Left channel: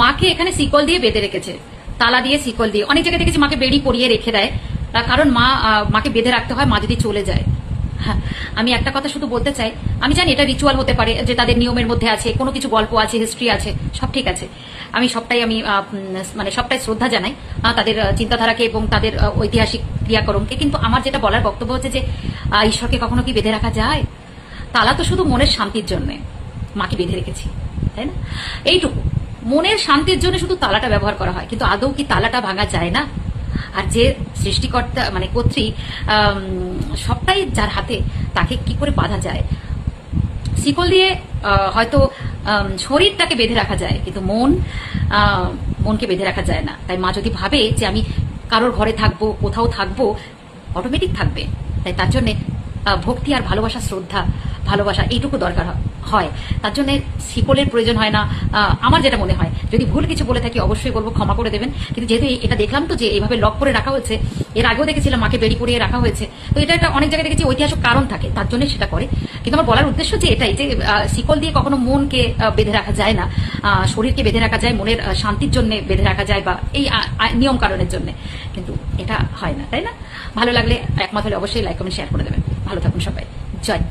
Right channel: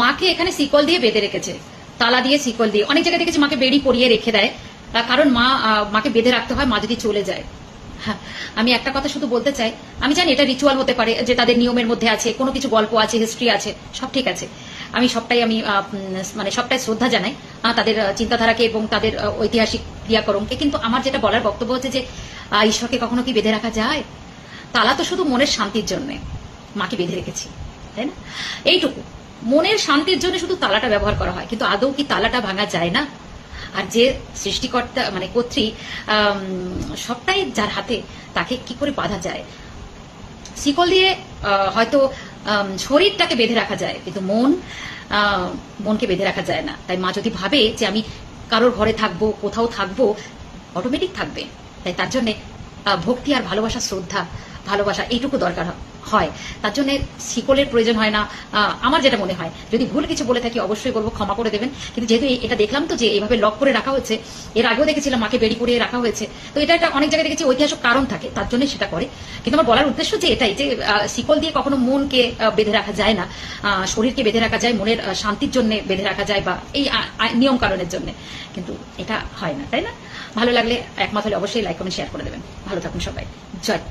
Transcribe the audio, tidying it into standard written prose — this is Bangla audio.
মাকে এখানে শিকল দিয়ে বেঁধে রেখেছে, তালা দিয়ে শিকল দিয়ে। অনেক জায়গায় দেখেছি মাকে বেড়ি পরিয়ে রেখে দেয়, কারণ মাকে বেঁধে রাখতে হয়, মা যদি চলে যায়। আমি একটা কথা শুধু বলতে চাই, আমি জানি এটা রিচুয়াল হতে পারে, যে তাদের নিয়মের মধ্যে আছে, কোনো কিছু গল্প আছে, হিস্ট্রি আছে, সব ঠিক আছে। আমি সবটাই শ্রদ্ধা জানাই তাদের চিন্তাধারাকে এবং তাদের ঐতিহাসিক ক্রিয়াকর্মকে। কিন্তু আমার যেটা বলার বক্তব্য হচ্ছে যে ঈশ্বরকে কখনো কি বেঁধে রাখা যায়? তালা তো শুধু মনের শান্তির জন্য মাকে বেঁধে রেখেছি, তাই না? এইটুকু মনের শান্তির জন্য শুধু তালাটা ব্যবহার করা হয়, কিন্তু আদৌ কি তালাটা ভাঙা যায় না? আর যে সৃষ্টিকর্তা কর্ত্রী, সবটাই যার হাতে, তাকে কি করে বাঁধা যায়? শিকল দিয়ে হয়তো শরীরটাকে বেঁধে রাখা যায়, কিন্তু মনকে বেঁধে রাখা যায় না। তাই মা যদি ভাবে যে আমি কারোর ঘরে থাকবো, কোথাও থাকবো, অটোমেটিক থাকবে। তাই তার জন্য ভক্তি আর ভালোবাসা, শ্রদ্ধা, ভালোবাসা এইটুকু দরকার হয়। তার জন্য শিকলের প্রয়োজন হয় না, আমার যেটা মনে হয়। যদি ভুল কিছু বলে থাকি অবশ্যই বলবো, ক্ষমা করে দেবেন। কিন্তু যেহেতু এটা দেখলাম তো যে এইভাবে লক করে রাখা হয়েছে, এর আগেও দেখেছিলাম মাকে বেড়ি পরিয়ে রাখা হয়েছে, তো এটা একটা অনেক জায়গায় দেখেছি ঐতিহাসিক কারণ থাকে, তার জন্য সেটা করে। কিন্তু আমার বলার উদ্দেশ্য যে এটাই, যে শিকল দিয়ে কখনো মনকে বেঁধে রাখা যায় না, শরীরকে বেঁধে রাখা যায়, মনের শান্তির জন্য বেঁধে রাখা যায়, বা এই নিয়ম কারণের জন্য, কিন্তু এটা হয় না, তাই না? ভালো লাগলে একমত হলে অবশ্যই লাইক কমেন্ট শেয়ার করে দেবেন। ভালো থাকুন সবাই। জয়।